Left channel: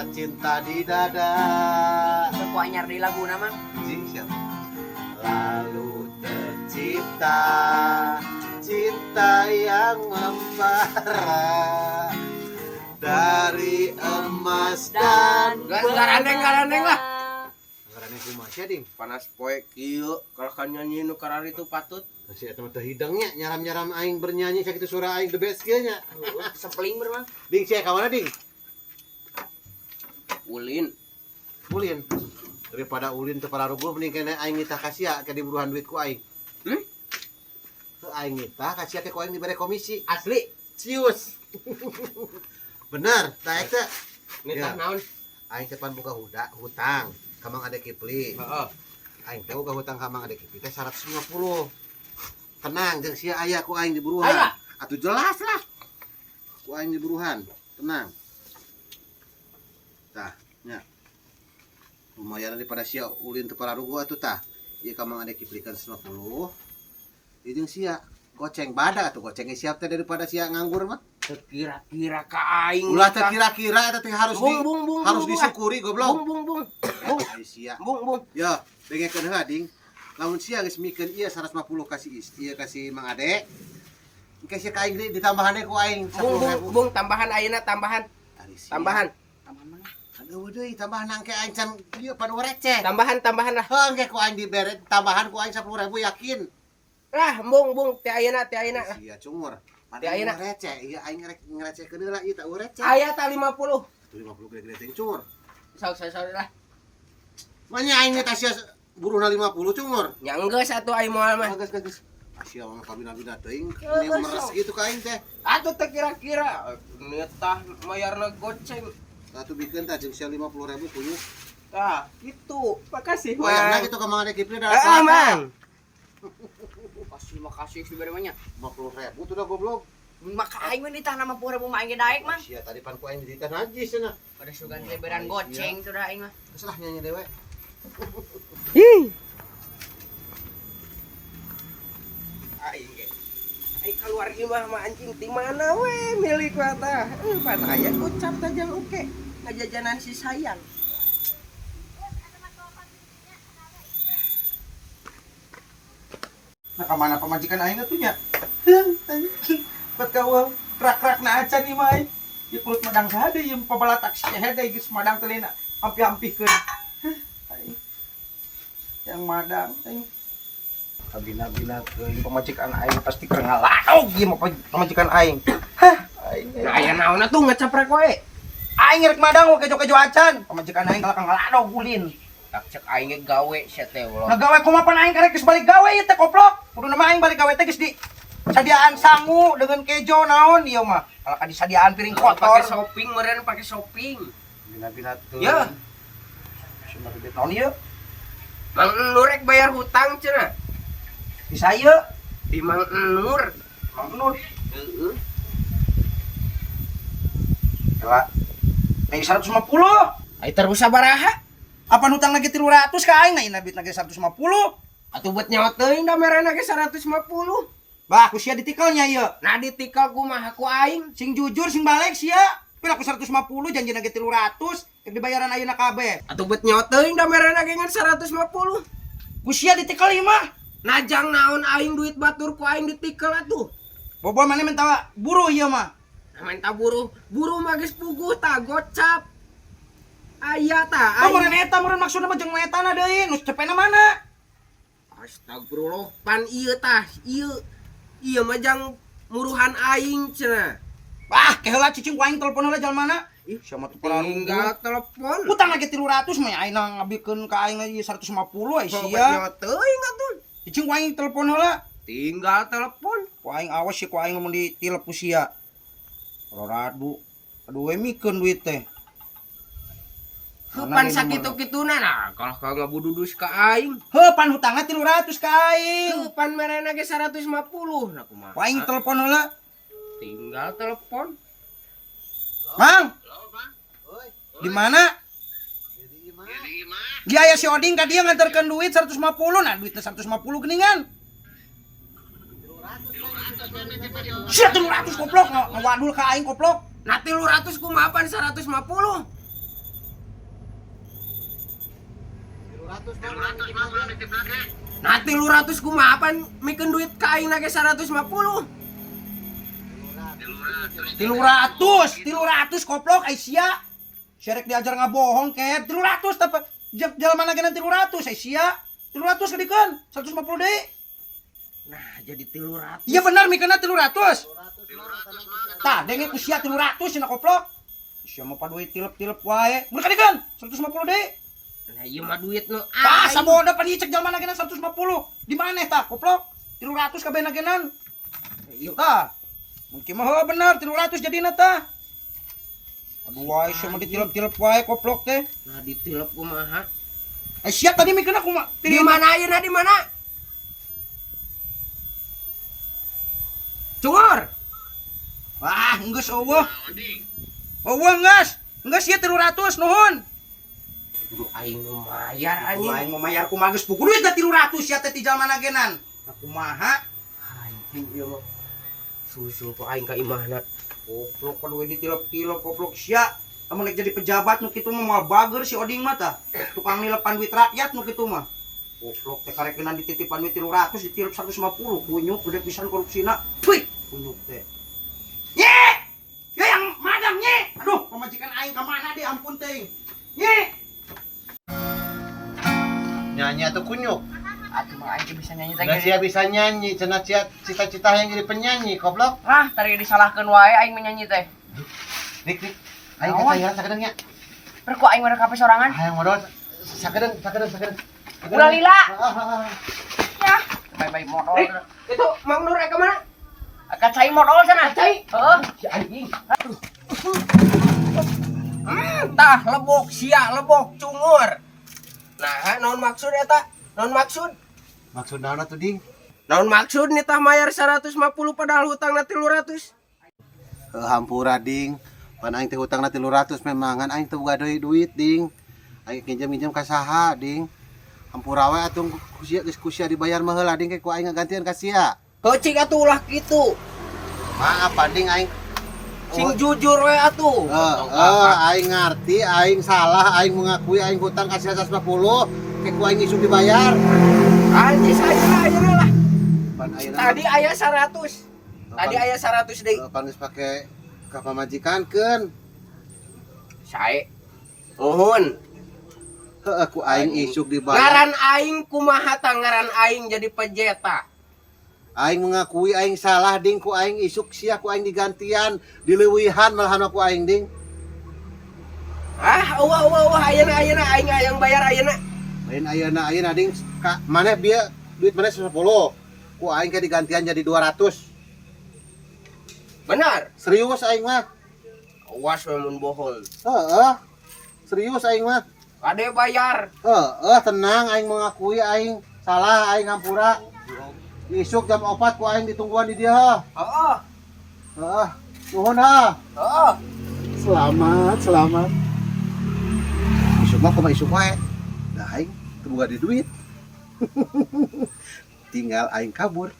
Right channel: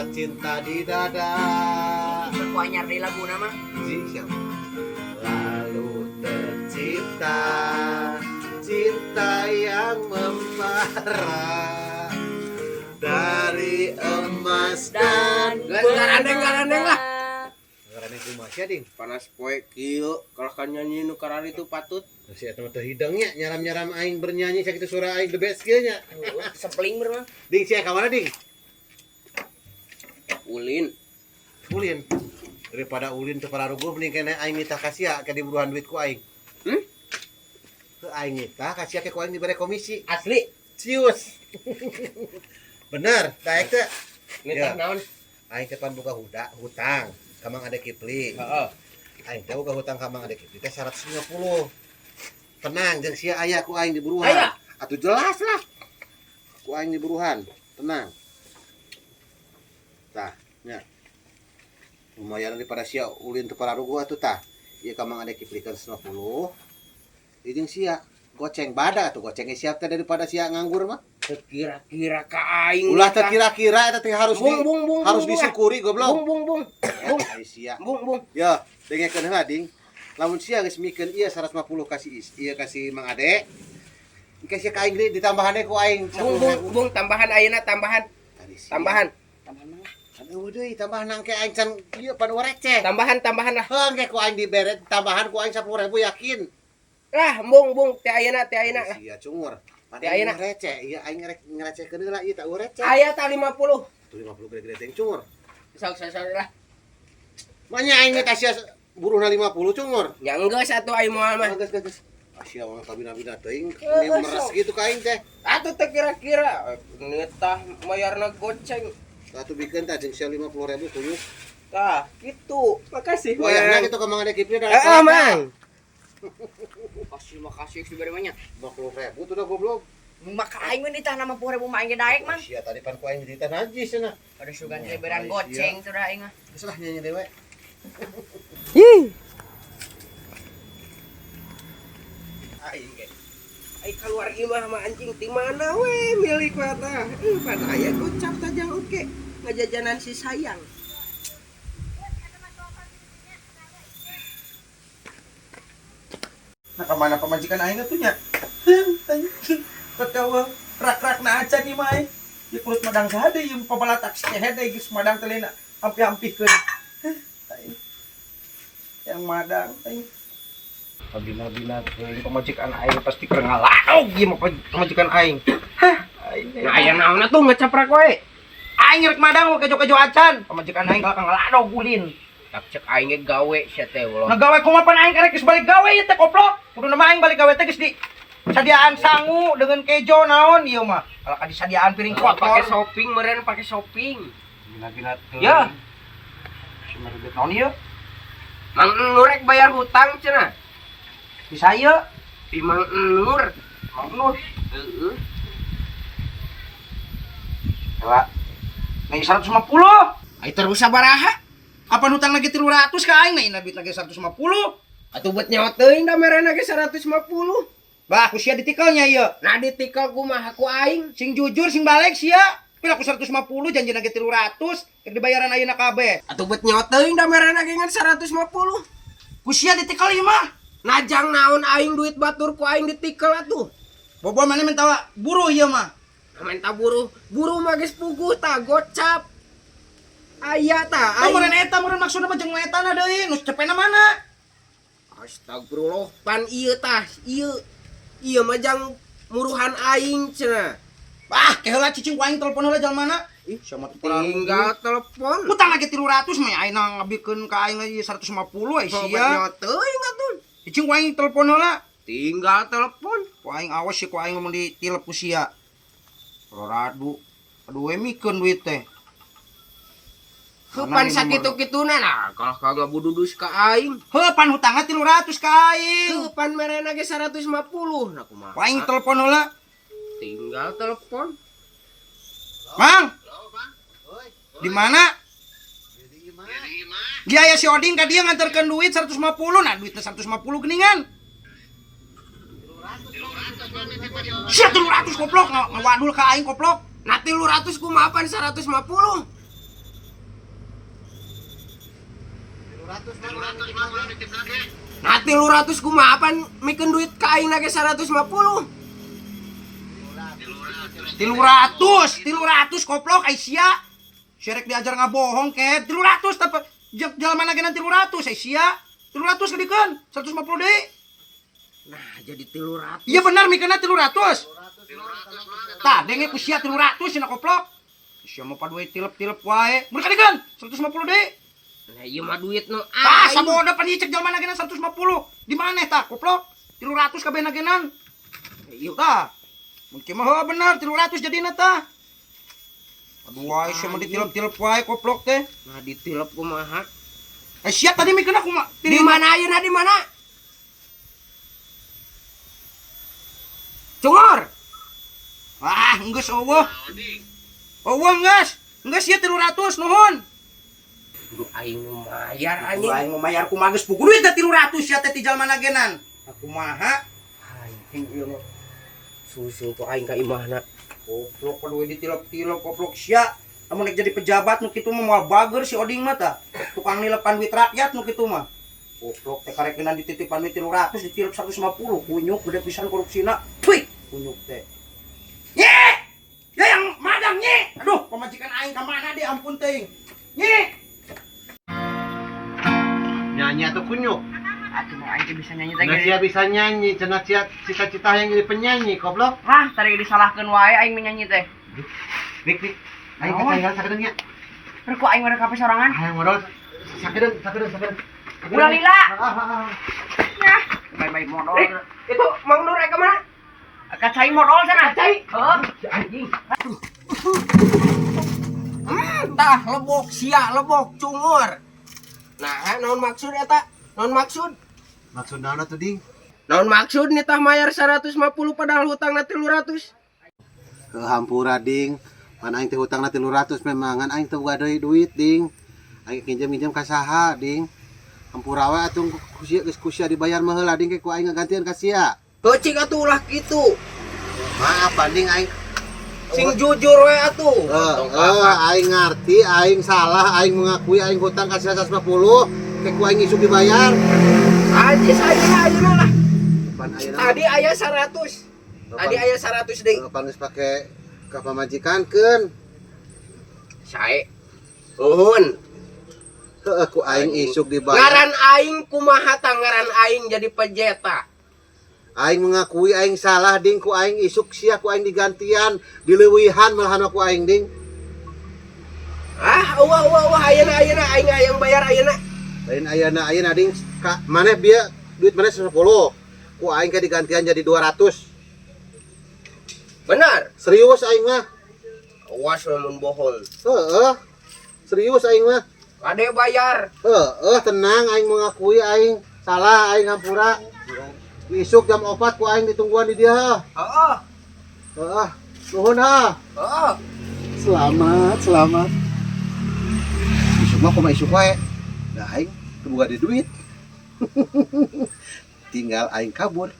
rasa cinta di dada. Aku anyar di lagu nama. Siapa? Lalu tercipta cinta yang membara dari emas dan Garandeng lah. karena itu masih ding. Panas poe kieu kalau kan nyanyi nu karari itu patut. Si eta mah teh hidangnya nyaram-nyaram aing bernyanyi sakitu suara aing the best kieu nya. Sepeling bermang. Ding sia ka mana ding? Ulin. Ulin. Daripada ulin teu pararuguh mending kene aing nitah ka sia ke diburuhan duit ku aing. Teu aing nitah ka sia ke ku aing dibere komisi. Asli. Cius. Bener, daek teh. Nitah Ya. naon? Aing teh pan buka hutang ka Mang Ade Kipli. Heeh. Aing teh buka hutang ka Mang Ade Kipli teh 150. Tenang, jeung sia aya ku aing diburuhan. Aya? Atuh jelas lah. Ku aing diburuhan. Tenang. Tah, nya. Lumayan daripada sia ulin teu pararuguh atuh tah. Ieu ka Mang Ade Kipli kan 150. Ieu jeung sia goceng badak atuh gocengnya siap teh daripada sia nganggur mah. Kira-kira ka aing. Ulah teh kira-kira eta teh harus Bung, bung, bung, harus bung, disyukuri goblok. Bung. Ya, ai sia. Bung. Ya, dengekeun heula ding. Lamun sia geus mikeun ieu 150 kasih ieu kasih Mang Ade. Engke sia ka aing ditambahannya ku aing 10.000. Bung, tambahan ayeuna tambahan. Tadi sia. Tambahan. Tambahan mang. Aduh deui tambahan engke aing can ieu panu receh. Tambahan lah. Heuh engke ku aing dibere tambahan ku aing 10.000 yakin. Lah, bung, teh ayeuna lah. Sia cungur. Teh ayeuna. Panu receh, ieu aing ngerecehkeun heula ieu tak receh. Aya tah 50. Tuh 50 gede-gede teh cungur. Sok lah. Manya aing teh sia buruhna 50 cungur. Nya geus atuh aing moal mah. Geus. Asia orang kabina-bina teuing, ini meres gitu ka aing teh. Atuh teh kira-kira nitah mayarna goceng. Atuh bikeun tah jeung sia 50.000 kuyu. Tah, kitu. Makasih, Wayahna kitu ka Mang Ade Kipli da. Mang. Makasih dibere banyak. 50.000 tuh dah goblok. Maka aing mah ditah 60.000 mah aing daek mang. Sia tadi pan ku aing ditah najis cenah. Pada sugan beran goceng tuh dah aing mah. Geus lah nyanyi dewe. Aing ge. Aing keluar ieu mah anjing ti mana we milik mata. Pada aya gocap saja oke. Ngajajanan si sayang. Nah kemana pemajikan aing tuh nya? Anjing, pekawa rak-rak na acan ieu mah. Ieu kulit madang sahade ieu pabalatak hede geus madang telena ampi-ampikeun. Yang madang aing. Pabina-bina teuing pemajikan aing pasti keur ngalaog ieu mah pemajikan aing. Hah, aing. Nah, aya naonna tuh ngecaprak we. Aing rek madang we kejo-kejo acan. Pemajikan aing kalak ngalaog ulin. Tak cek aing ge gawe sia teh ulah. Ngagawe kumapan aing karek geus balik gawe ieu teh koplok. Kudu nama aing balik gawe teh geus di sadiaan sangu dengan kejo naon ieu mah. Kalau ka disadiaan piring Pakai kotor. shopping meureun pakai shopping. Bina-bina teu. Ya. Si merebet naon ieu? Mang Nurek bayar hutang cenah. Bisa ieu. Di Mang Nur. Mang Nur. Heeh. Kela. Nih 150. Ai terus sabaraha? Apa hutang lagi 300 ka aing na inabit lagi 150. Atuh bet nyawa teuing da merena ge 150. Bah, ku sia ditikelnya ieu. Nah ditikal kumaha ku aing. Sing jujur sing balik sia. Pila ku 150 janjina ge 300, keur dibayaran ayeuna kabeh. Atuh bet nyawa teuing da merena ge ngan 150. Ku sia ditikel ieu mah. Najang naon aing duit batur ku aing ditikel atuh. Bobo mana minta buru ieu mah. Minta buru mah geus puguh tah gocap. Aya tah aing. Meureun eta meureun maksudna mah jeung etana deui, nu cepena mana? Astagfirullah, pan ieu tah, ieu mah jang muruhan aing cenah. Ah, keheula cicing ku aing telepon heula jalmana. Ih, sia mah Tinggal telepon. utang lagi 300 mah ayeuna ngabikeun ka aing lagi 150 ai sia. Teuing atuh. Cicing ku aing telepon heula. Tinggal telepon. Ku aing awas sih ku aing ngomong di tilep ku sia. Roradu. Aduh we mikeun duit teh. Pan sakitu-kituna nah, kalau kagak bududus ka aing. Heuh, pan hutangna 300 ka aing. Pan merena ge 150 nah kumaha. Ku aing telepon heula. Tinggal telepon. Mang, Oi, di mana? jadi imah. Dia aya si Oding ka dia nganterkeun duit 150. Nah, duitnya 150 geningan. Sia 300 koplok, ngawadul ka aing koplok. Nah 300 kumaha pan 150. Nah 300 kumaha pan mikeun duit ka aing nage 150. 300 koplok ai sia. Syarek diajar ngabohong ke 300 tapi jelema nagenan 300 ai sia. 300 kadikeun 150 deui. Nah jadi 300. Iya benar mikeunna 300. Tah denge ku sia 300 cenah koplok. Sia mah paduai tilep-tilep wae. Mun kadikeun 150 deui. Nah ieu mah duit nu Tah saboda pan ieu cek jelema nagenan 150. Di maneh tah koplok? 300 kabeh nagenan. Ieu tah. Mun kieu mah bener 300 jadina tah. Aduh wae sia mah ditilep-tilep wae koplok teh. Nah ditilep kumaha? Sia tadi mikeunna kumaha? Di mana ayeuna di mana? Cungor. Ah, geus eueuh. Eueuh geus. Geus ieu 300 nuhun. Duh aing nu mayar Aing anjing. mau mayar kumaha geus pugu duit da 300 sia teh ti jalma nagenan. Kumaha? Anjing ieu mah. Susul ku aing ka imahna. Koplok paduwe ditilep-tilep koplok sia. Amun nek jadi pejabat nu kitu mah moal bager si Oding mah tah. Tukang nilepan duit rakyat nu kitu mah. Koplok teh karekenan dititipan duit 300 ditilep 150 kunyuk gede pisan korupsina. Puy, kunyuk teh. Nye! Ya yang magang nye. Aduh, pamajikan aing ka mana deh ampun teuing. Nye! Nyanyi atau kunyuk? Atuh mah aing teh bisa nyanyi teh. Nggak sia bisa nyanyi, cenah sia cita-cita yang jadi penyanyi, goblok. Wah, tadi disalahkeun wae aing menyanyi teh. Dik, aing ketinggalan sakedeung nya. Terus ku aing mereka sorangan. Hayang modal sakedeung. Ulah lila. Ah. Ya, bae-bae modal. Itu Mang Nur ka mana? Kacai modal sana. Kacai. Heeh. Si anjing. Tah lebok sia lebok cungor. Nah, naon maksud eta? Naon maksud? Maksud naon atuh, Ding? Naon maksud nih tah mayar 150 padahal hutangna 300? Hampura, Ding. Pan aing teh hutangna 300 memangan aing teh boga duit, Ding. Aing minjem ka saha, Ding? Hampura wae atuh kusia dibayar mah heula, Ding, ku aing gantian ka sia. Kecik atuh ulah kitu. Maaf, Ding, aing Sing jujur we atuh. aing ngarti, aing salah, aing mengakui aing hutang ka sia 150, ku aing isuk dibayar. Anjing saya ayeuna lah. Pan ayeuna Tadi aya 100. Tadi aya 100 deui. pan geus pake ka pamajikankeun. Sae. Uhun. Heuh ku aing isuk dibayar. Ngaran aing kumaha tanggaran aing jadi pejeta. Aing mengakui aing salah, Ding, ku aing isuk sia ku aing digantian, dileuwihan malahan ku aing, Ding. Wah ayeuna aing hayang bayar ayeuna. Lain ayeuna Ding, ka maneh bieu duit maneh 10. Ku aing ke digantian jadi 200. Benar. Serius aing mah. Awas we mun bohol. Heeh. Serius aing mah. Ade bayar. Tenang aing mengakui aing salah, aing hampura. Isuk jam 4 ku aing ditungguan di dia. Heeh. Nuhun ha. Heeh. Selamat. Isuk mah kumaha isuk wae. Da aing teu boga duit. Tinggal aing kabur.